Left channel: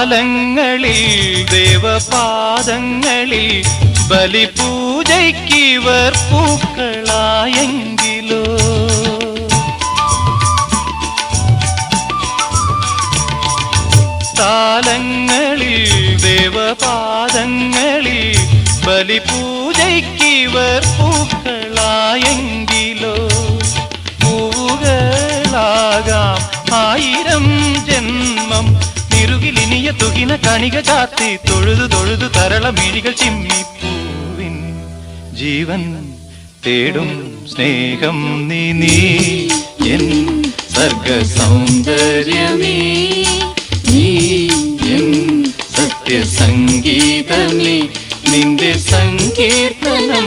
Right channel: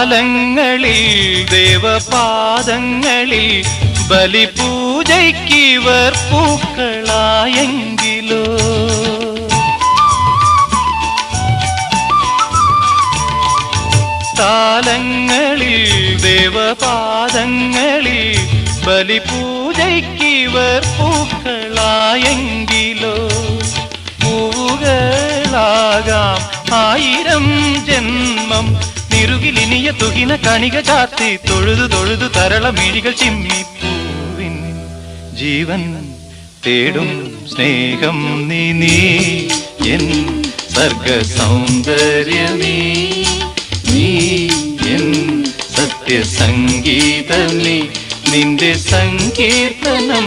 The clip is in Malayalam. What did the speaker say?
കാലങ്ങളിൽ ദേവപാദങ്ങളിൽ ബലിപൂജയ്ക്കിവർ പൂക്കളായെങ്കിലോ കാലങ്ങളിൽ ദേവപാദങ്ങളിൽ ബലിപൂജയ്ക്കിവർ പൂക്കളായെങ്കിലോ പൂവുകളാകാം 1000 ജന്മം നിറുകിലിനിയ തുകിന കണിക ചാത്തി തൊഴുതു തൊഴുതു തരളമിഴികൾ ചിമ്മിപ്പൂവിൻ ജീവൻ തേടും സ്നേഹം നീ എൻ സർഗ സൗന്ദര്യമേ നീ എൻ സത്യസംഗീതമേ നിന്റെ സങ്കീർത്തനം